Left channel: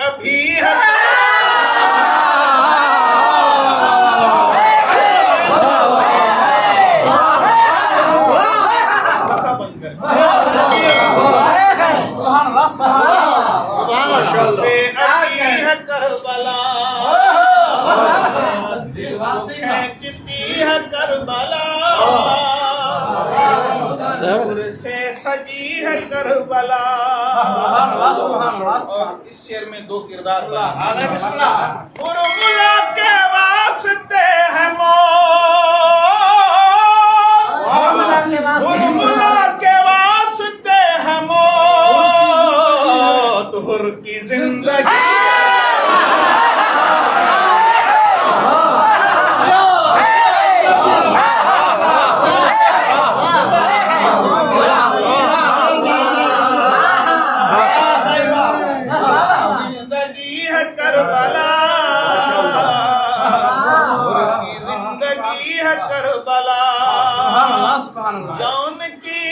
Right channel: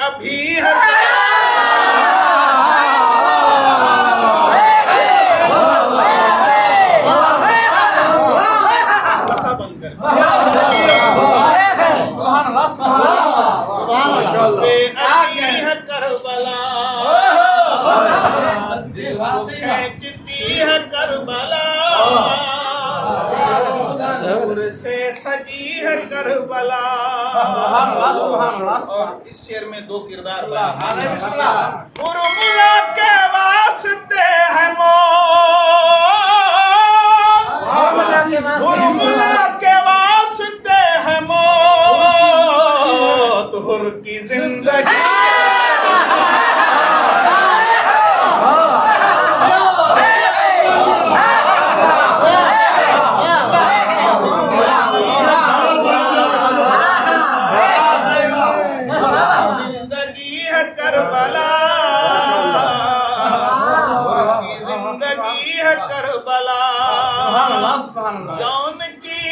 अभी है बंद कर शबे अभी है करबला खींचती है करबला नूर से सजी है करबला। और इस शेर में दो किरदार बने। मुरमुला के वास्ते है मुरमुला के वास्ते है मौत हुर की जिंदगी करबला की जिंदगी है करबला। जौन की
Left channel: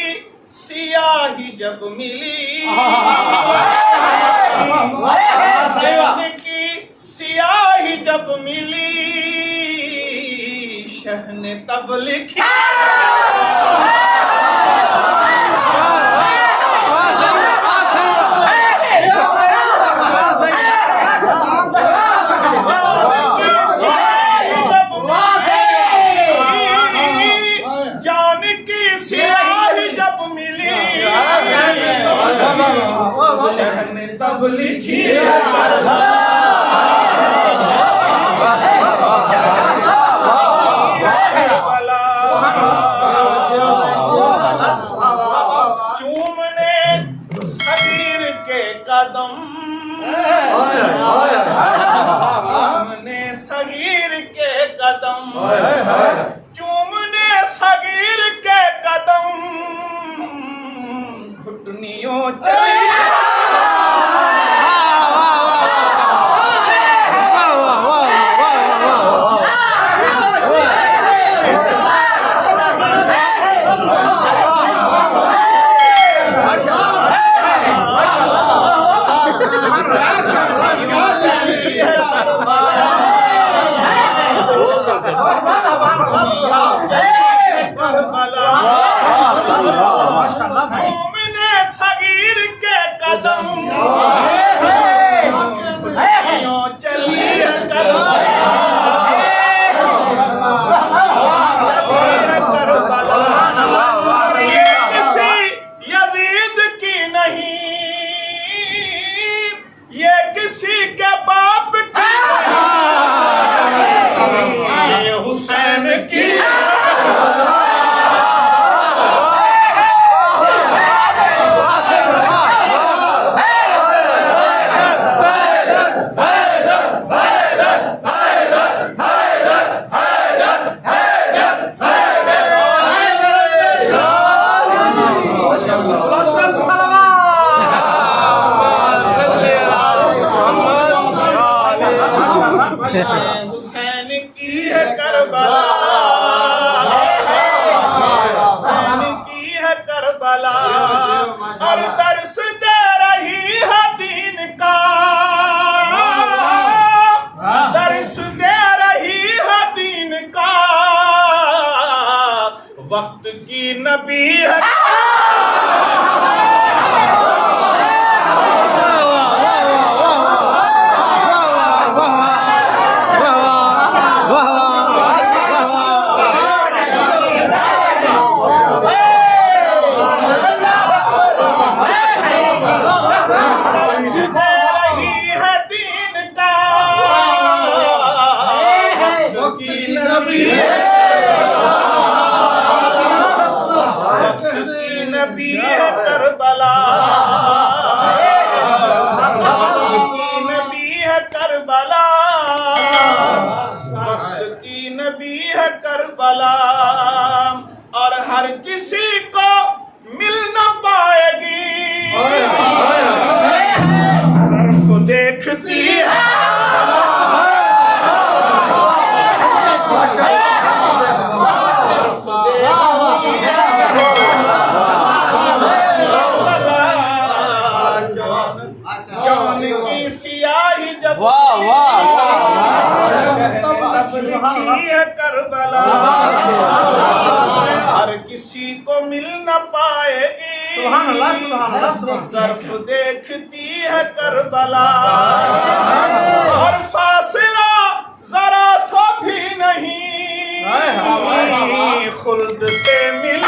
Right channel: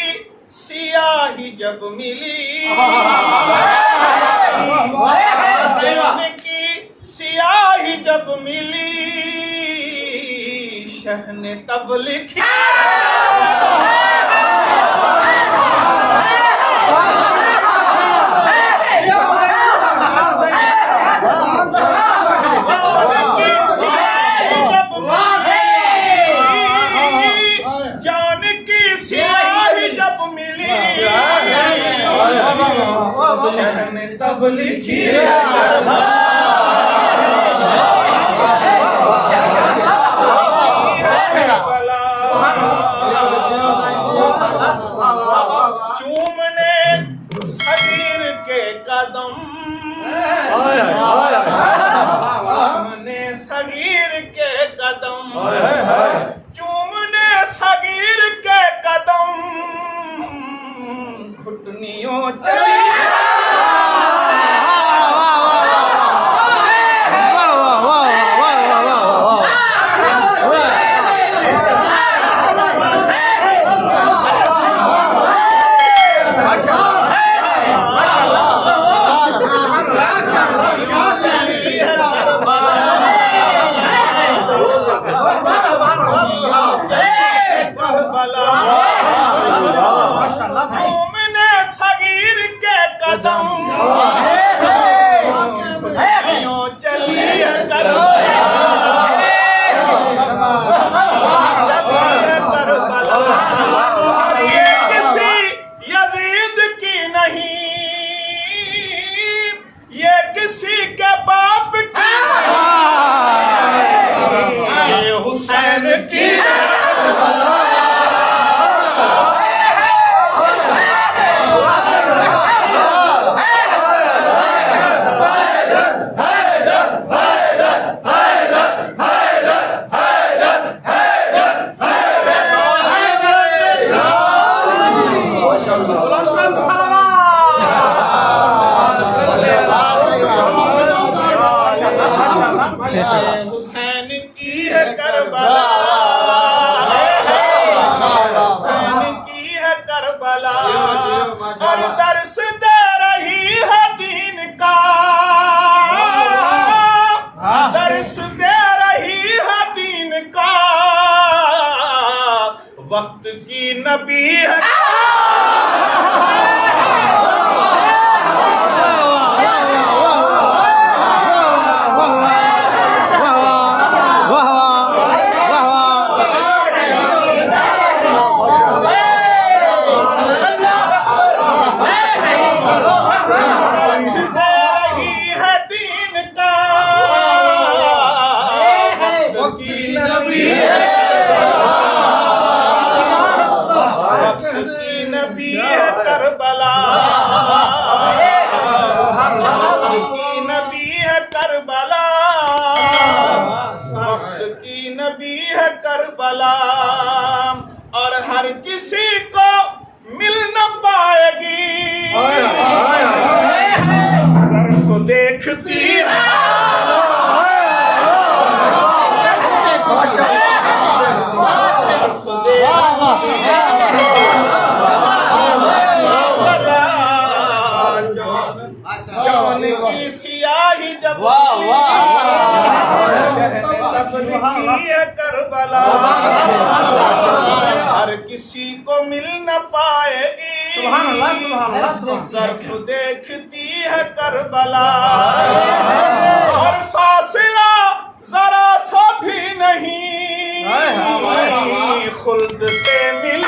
सियाही जब मिली जौन की सियाही जब मिली शह ने तब लिखी ने तब लिखी है करबला। चूमने सगीर के कदम चूमने सगीर के कदम चूमने सगीर के कदम घुटनियों चली चूमने सगीर के कदम चली है करबला। ये किसी यजीद की नहीं ये किसी के बाप की नहीं ये हुसैन की हुसैन की है करबला हुसैन की है करबला। और दर्श दे रही है दीन का दर्श दे रही है दीन का वक्त की नबी है नबी है करबला की नबी है करबला वक्त की नबी है करबला। और हर किसी को मिल न पाएगी सिर्फ देखती है सिर्फ देखती है जौन की सियाही जब तब लिखी है करबला, हर किसी को मिल न पाएगी, ज़र्फ़ देखती है करबला। और फासिला जरा सा भी नहीं खुल्द से मिल।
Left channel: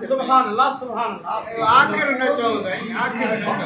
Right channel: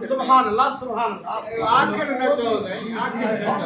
सुभान अल्लाह, सुभान अल्लाह। आखिर में